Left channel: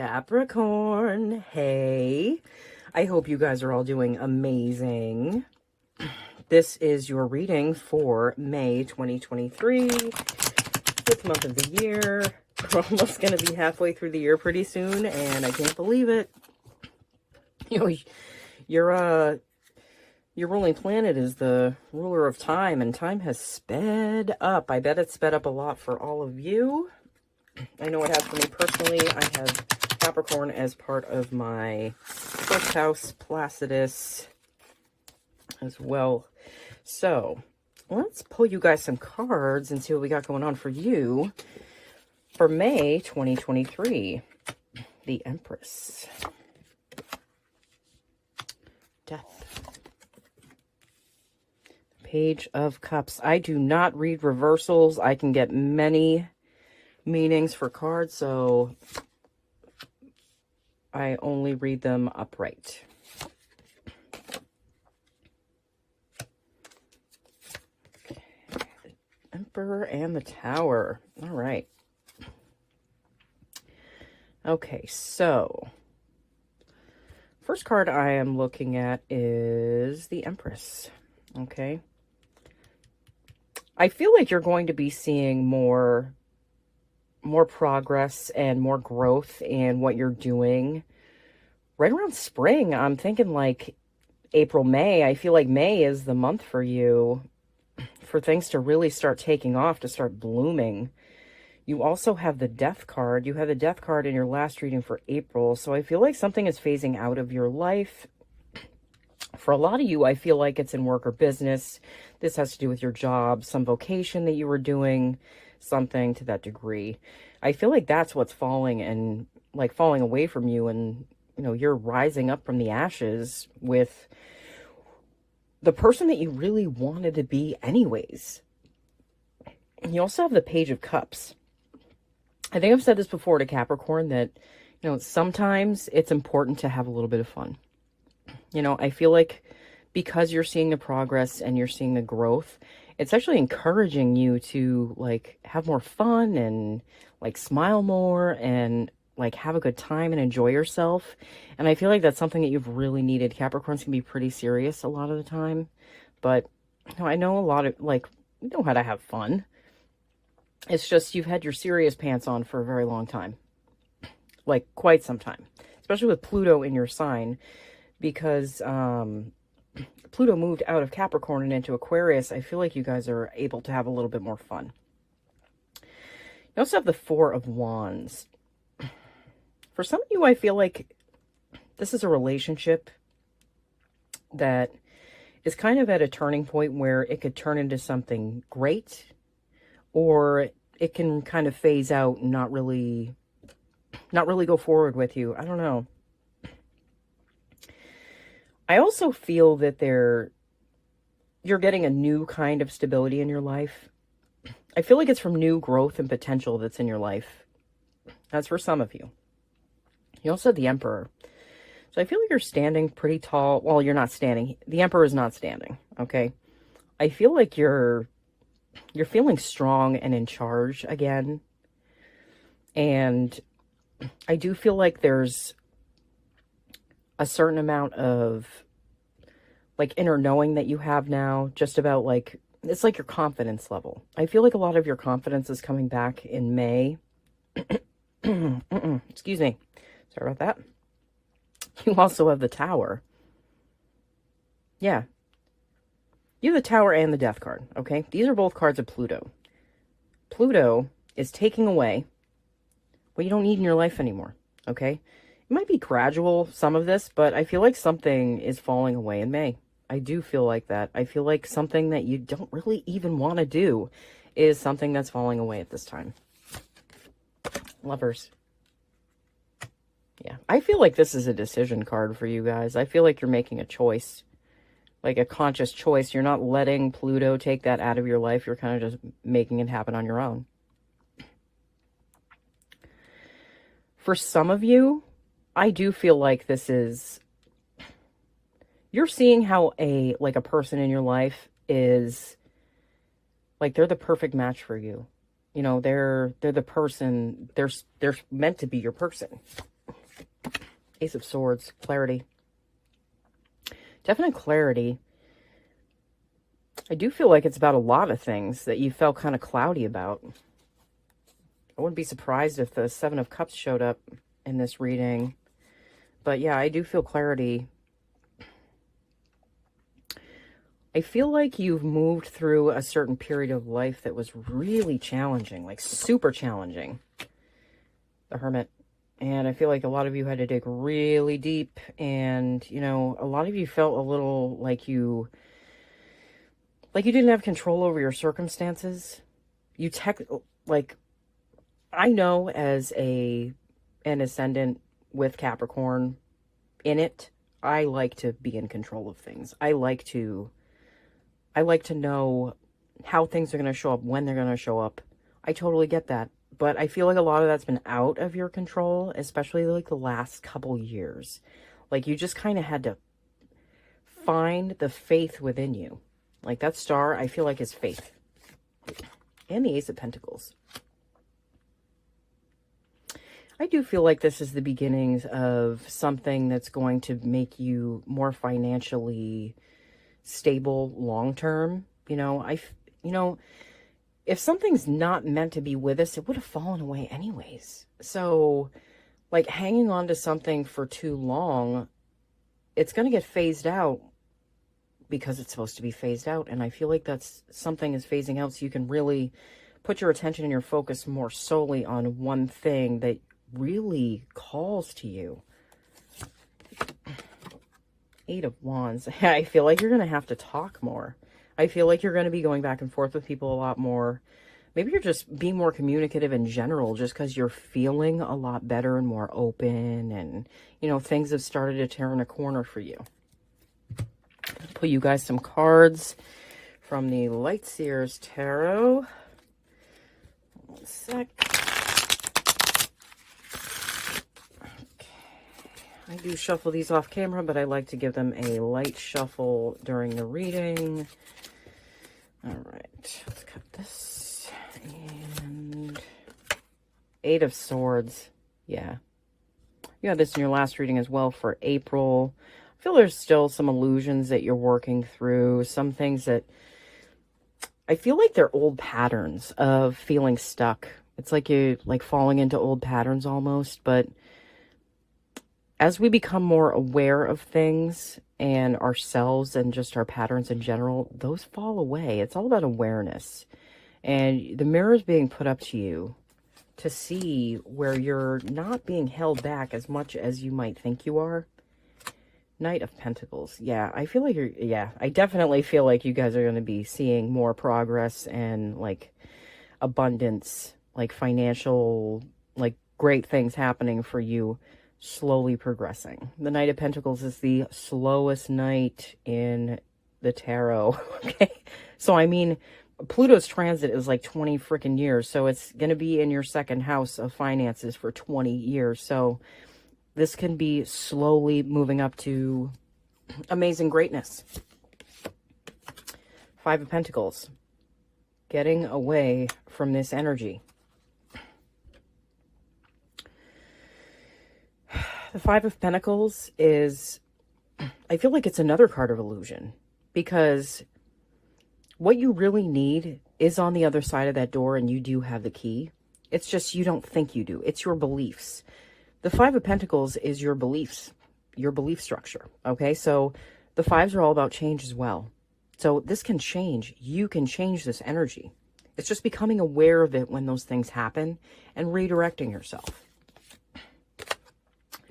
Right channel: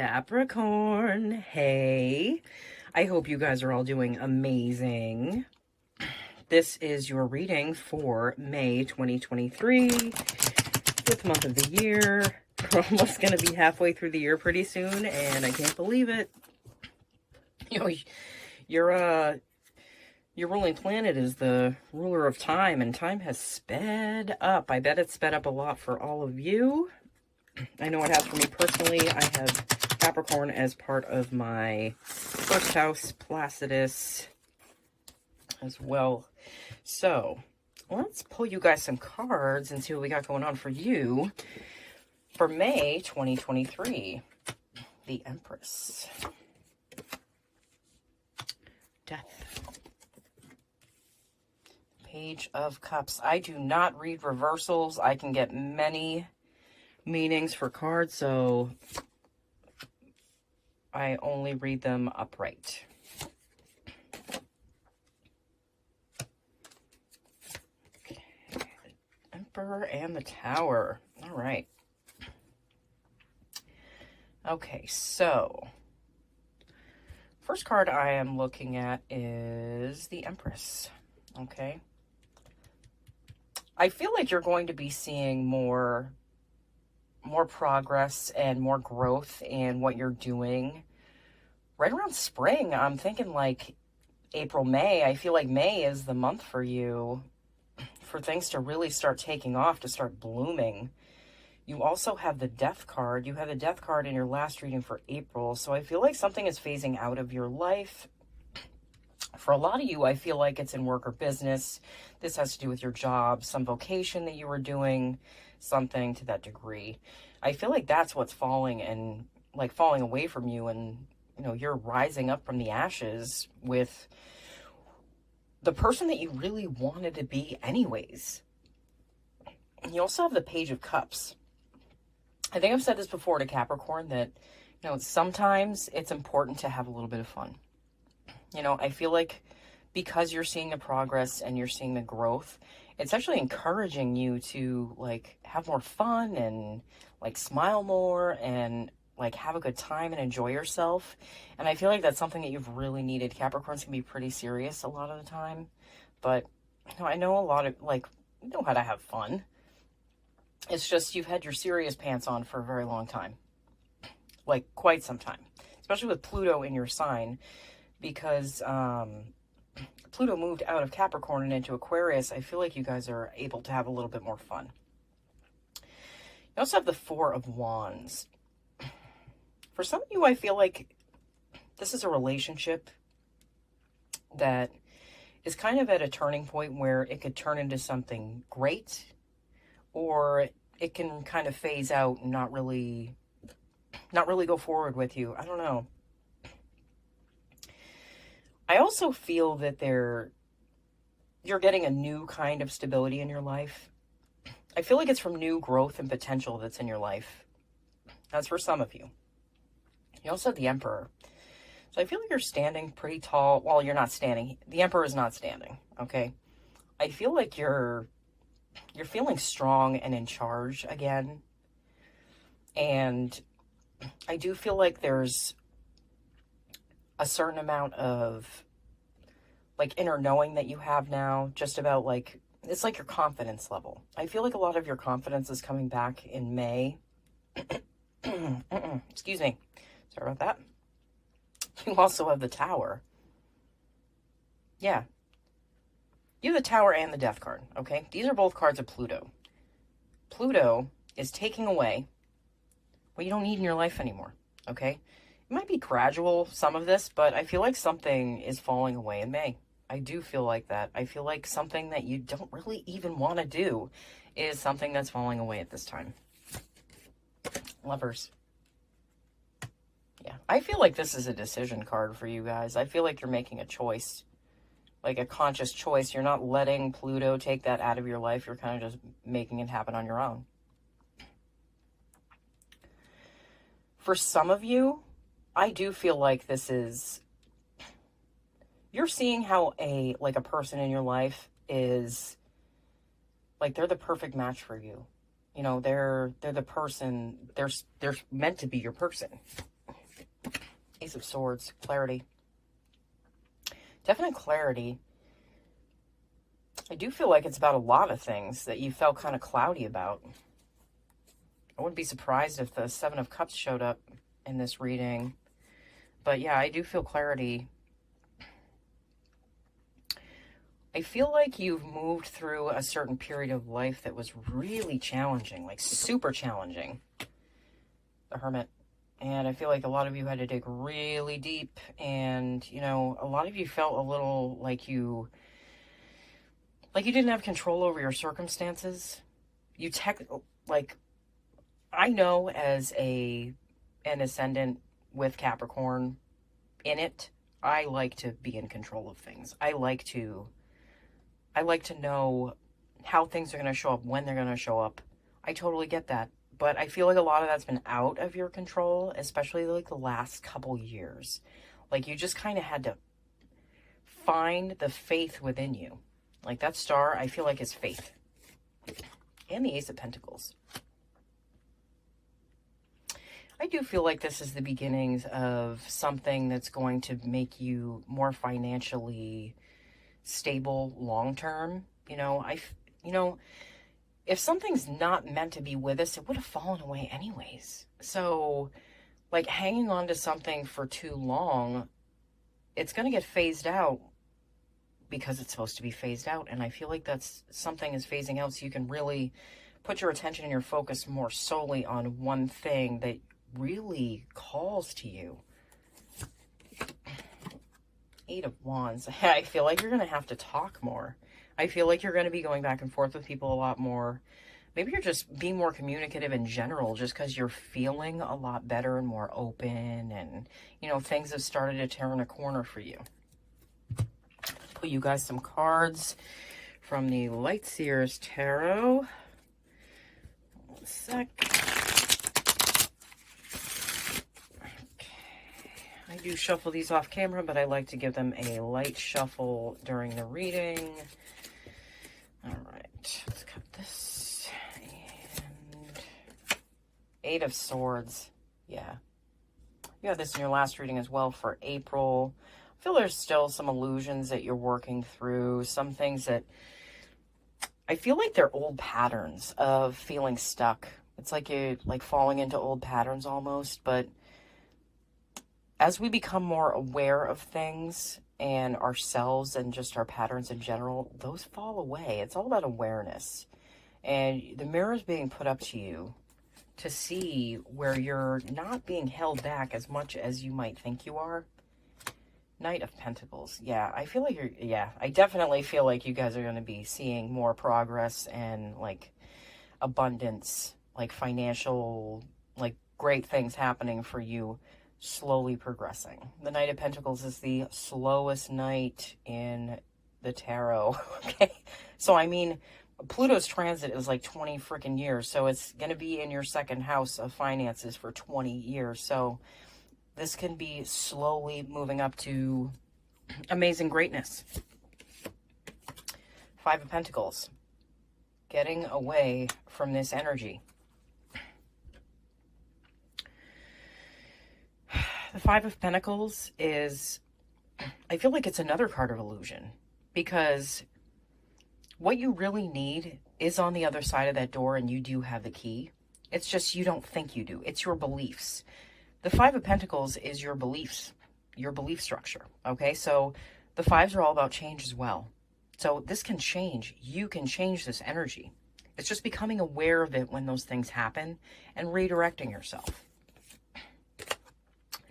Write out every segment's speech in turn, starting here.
Capricorn, hey, I hope you guys are all doing amazing. This is your reading for May 2023, fifth month of the year. We're almost going to be halfway through the year pretty soon, and I can't believe it. You know, your ruling planet is the ruler of time, and time has sped up. I bet it's sped up a lot for all of you. I know it has for me personally. I have Capricorn as part of my first house, Placidus, as well. So, let's pull you guys some cards and see what we got going on for you for May 2023. The Empress. Death. Page of Cups. I do not read reversals. I can get many meanings for cards, so I only read them upright. Emperor and the Tower. All right. Okay, so first card I am looking at is the Empress. Okay. I feel like you're going to be seeing more progress and more growth in what you're doing right around spring. I'm thinking like April, May. I feel like May is the month for you for things to really start taking off, to start blooming. You also have the Death card. You have the Death card in your last reading for April. So I feel like something is phasing out of your life. For a lot of you, I feel like it's in work or business. This has to do with your job, some vocation that you were doing, something to that degree. I feel like that's what's falling and like falling away from you, and you know, you're rising up from the ashes with the person that you really wanted to be anyways. And you also have the Page of Cups. I think I've said this before to Capricorn that, you know, sometimes it's important to have a little bit of fun. You know, I feel like because you're seeing the progress and you're seeing the growth, it's actually encouraging you to like have more fun and like smile more and like have a good time and enjoy yourself. And I feel like that's something that you've really needed. Capricorns can be pretty serious a lot of the time, but you know, I know a lot of like, you know how to have fun. It's just you've had your serious pants on for a very long time, like quite some time, especially with Pluto in your sign, because Pluto moved out of Capricorn and into Aquarius. I feel like you guys are able to have a little bit more fun. You also have the Four of Wands. For some of you, I feel like this is a relationship that is kind of at a turning point where it could turn into something great, or it can kind of phase out and not really go forward with you. I don't know. I also feel that you're getting a new kind of stability in your life. I feel like it's from new growth and potential that's in your life. That's for some of you. You also have the Emperor. So I feel like you're standing pretty tall. Well, you're not standing. The Emperor is not standing, okay? I feel like you're feeling strong and in charge again. And I do feel like there's a certain amount of like inner knowing that you have now, just about like, it's like your confidence level. I feel like a lot of your confidence is coming back in May. Excuse me. Sorry about that. You also have the Tower. Yeah. You have the Tower and the Death card, okay? These are both cards of Pluto. Pluto is taking away what you don't need in your life anymore, okay? It might be gradual, some of this, but I feel like something is falling away in May. I do feel like that. I feel like something that you don't really even want to do is something that's falling away at this time. Lovers. Yeah, I feel like this is a decision card for you guys. I feel like you're making a choice, like a conscious choice. You're not letting Pluto take that out of your life. You're kind of just making it happen on your own. For some of you, I do feel like this is, you're seeing how a person in your life is, like, they're the perfect match for you. You know, they're the person, they're meant to be your person. Ace of Swords, clarity. Definite clarity. I do feel like it's about a lot of things that you felt kind of cloudy about. I wouldn't be surprised if the Seven of Cups showed up in this reading. But yeah, I do feel clarity. I feel like you've moved through a certain period of life that was really challenging, like super challenging. The Hermit. And I feel like a lot of you had to dig really deep, and, you know, a lot of you felt a little like you didn't have control over your circumstances. Like, I know as an ascendant with Capricorn in it, I like to be in control of things. I like to know how things are going to show up, when they're going to show up. I totally get that. But I feel like a lot of that's been out of your control, especially like the last couple years. Like, you just kind of had to find the faith within you. Like, that star, I feel like, is faith. And the Ace of Pentacles. I do feel like this is the beginnings of something that's going to make you more financially stable long-term. You know, if something's not meant to be with us, it would have fallen away anyways. So, like, hanging on to something for too long, it's going to get phased out because it's supposed to be phased out. And I feel like that's something is phasing out so you can really put your attention and your focus more solely on one thing that really calls to you. Eight of Wands. I feel like you're going to have to talk more. I feel like you're going to be going back and forth with people a lot more. Maybe you're just being more communicative in general just because you're feeling a lot better and more open, and, you know, things have started to turn a corner for you. Put you guys some cards from the Light Seers Tarot. One sec. I do shuffle these off camera, but I like to give them a light shuffle during the reading. All right, let's cut this. And Eight of Swords. Yeah. You had this in your last reading as well for April. I feel there's still some illusions that you're working through. Some things that I feel like they're old patterns of feeling stuck. It's like you're like falling into old patterns almost, but as we become more aware of things and ourselves and just our patterns in general, those fall away. It's all about awareness. And the mirror is being put up to you to see where you're not being held back as much as you might think you are. Knight of Pentacles. Yeah, I feel like I definitely feel like you guys are going to be seeing more progress and, like, abundance, like, financial, like, great things happening for you. Slowly progressing. The Knight of Pentacles is the slowest knight in the tarot. Okay, so I mean, Pluto's transit is like 20 freaking years, so it's going to be in your second house of finances for 20 years. So this can be slowly moving up to amazing greatness. Five of Pentacles. Getting away from this energy. The Five of Pentacles is, I feel like it's another card of illusion, because what you really need is on the other side of that door, and you do have the key. It's just you don't think you do. It's your beliefs. The Five of Pentacles is your beliefs, your belief structure, okay? So the fives are all about change as well. So this can change. You can change this energy. It's just becoming aware of it when those things happen and redirecting yourself.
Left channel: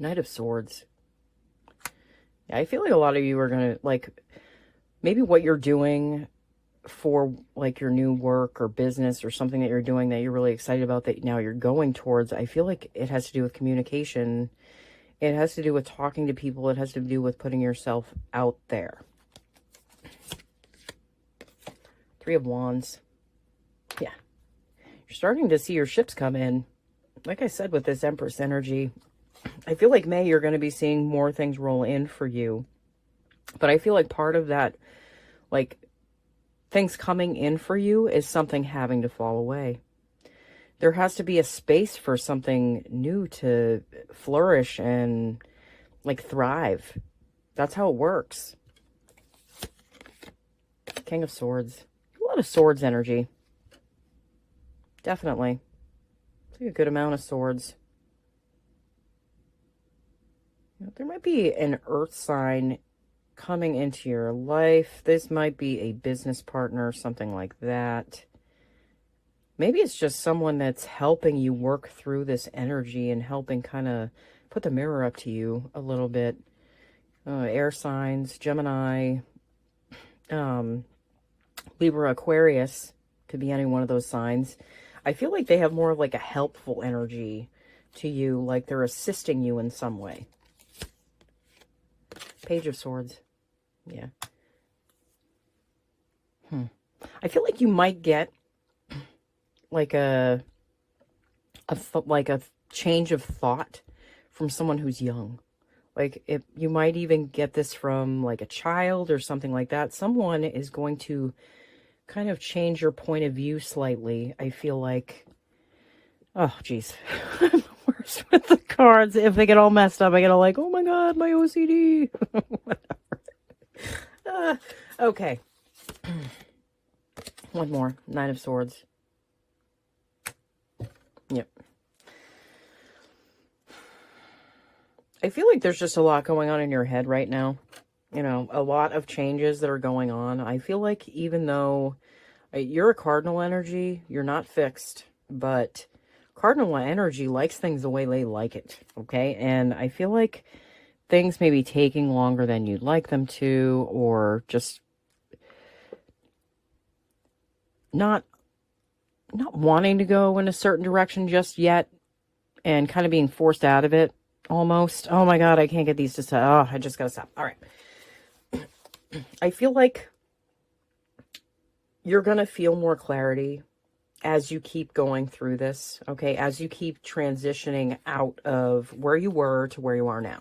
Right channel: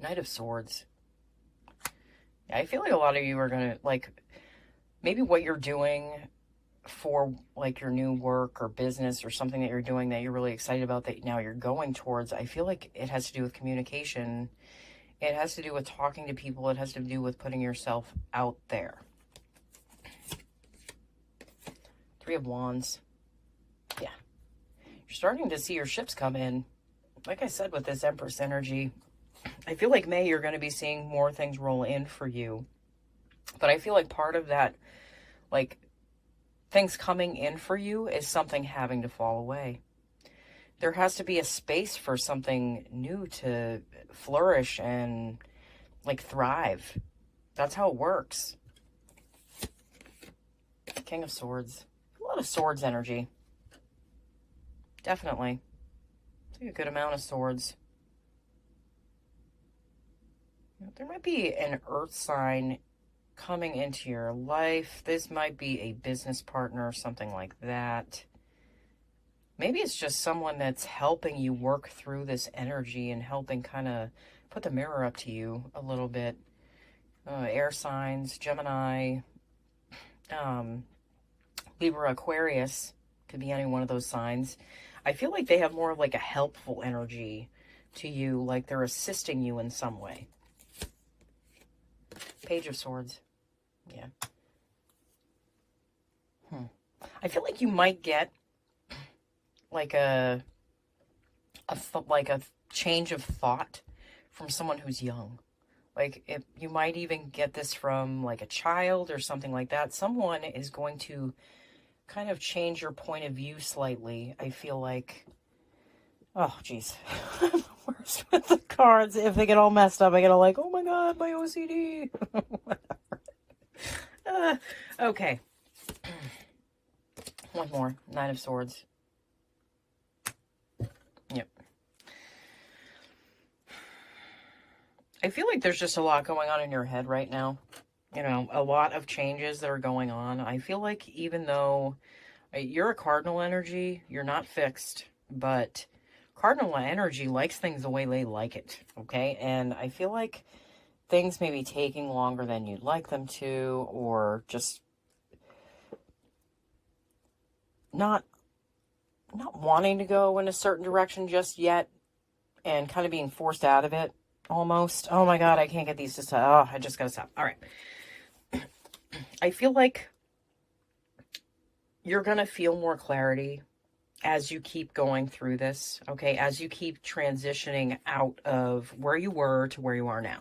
Knight of Swords. Yeah, I feel like a lot of you are going to, like, maybe what you're doing for, like, your new work or business or something that you're doing that you're really excited about that now you're going towards. I feel like it has to do with communication. It has to do with talking to people. It has to do with putting yourself out there. Three of Wands. Yeah. You're starting to see your ships come in. Like I said, with this Empress energy, I feel like May, you're going to be seeing more things roll in for you. But I feel like part of that, like, things coming in for you is something having to fall away. there has to be a space for something new to flourish and like thrive. That's how it works. King of Swords. A lot of swords energy. Definitely. It's like a good amount of swords. There might be an earth sign coming into your life. This might be a business partner, something like that. Maybe it's just someone that's helping you work through this energy and helping kind of put the mirror up to you a little bit. Air signs, Gemini, Libra, Aquarius, could be any one of those signs. I feel like they have more of like a helpful energy to you, like they're assisting you in some way. Page of Swords. Yeah. I feel like you might get like a change of thought from someone who's young. Like, if you might even get this from like a child or something like that. Someone is going to kind of change your point of view slightly. I feel like, oh geez, I'm the worst with the cards. If they get all messed up, I get all like, oh my god, my OCD. Okay. One more. Knight of Swords. Yep. I feel like there's just a lot going on in your head right now. You know, a lot of changes that are going on. I feel like even though you're a cardinal energy, you're not fixed, but cardinal energy likes things the way they like it, okay? And I feel like things may be taking longer than you'd like them to, or just not wanting to go in a certain direction just yet, and kind of being forced out of it almost. Oh my god, I can't get these to stop. Oh, I just gotta stop. All right. I feel like you're gonna feel more clarity as you keep going through this, okay? As you keep transitioning out of where you were to where you are now.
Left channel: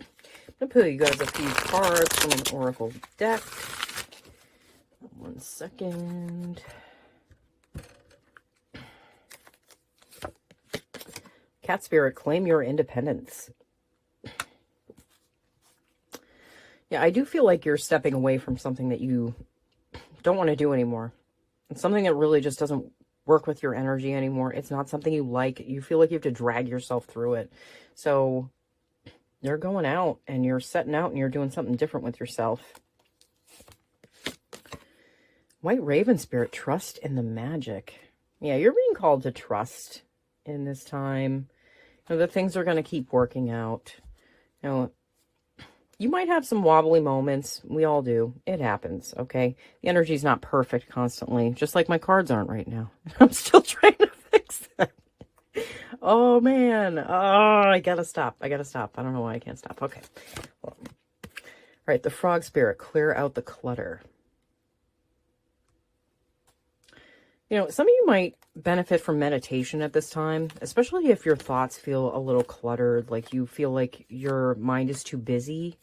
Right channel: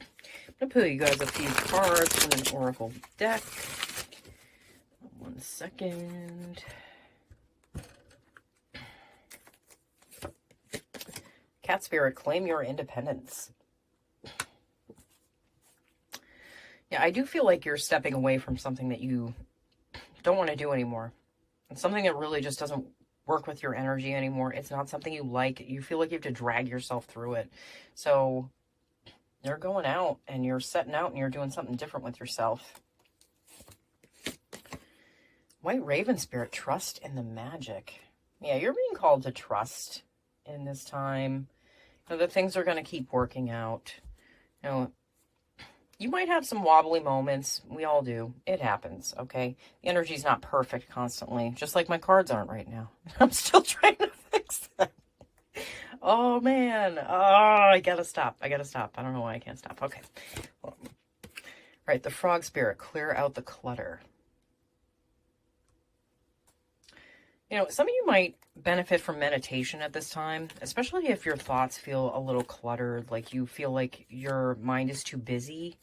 I'm going to pull you guys a few cards from an oracle deck. 1 second. Cat Spirit, claim your independence. Yeah, I do feel like you're stepping away from something that you don't want to do anymore. It's something that really just doesn't work with your energy anymore. It's not something you like. You feel like you have to drag yourself through it. So you're going out and you're setting out and you're doing something different with yourself. White Raven Spirit, trust in the magic. Yeah, you're being called to trust in this time. You know, that things are going to keep working out. You know, you might have some wobbly moments. We all do. It happens, okay? The energy's not perfect constantly, just like my cards aren't right now. I'm still trying to fix that. Oh, man. Oh, I gotta stop. I don't know why I can't stop. Okay. All right, the Frog Spirit, clear out the clutter. You know, some of you might benefit from meditation at this time, especially if your thoughts feel a little cluttered, like you feel like your mind is too busy.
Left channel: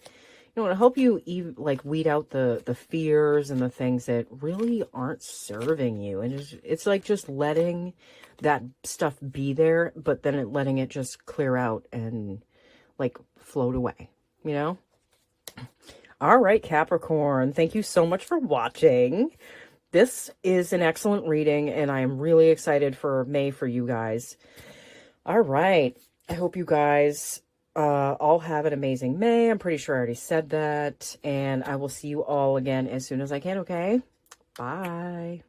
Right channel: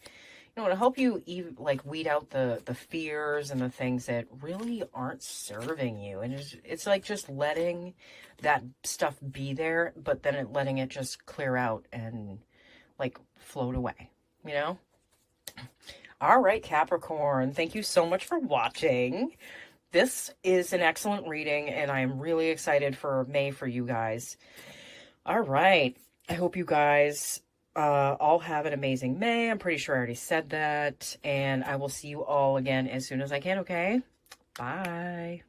You know, it'll help you like weed out the fears and the things that really aren't serving you. And it's like just letting that stuff be there, but then letting it just clear out and like float away, you know? All right, Capricorn, thank you so much for watching. This is an excellent reading, and I'm really excited for May for you guys. All right. I hope you guys all have an amazing May. I'm pretty sure I already said that. And I will see you all again as soon as I can, okay? Bye.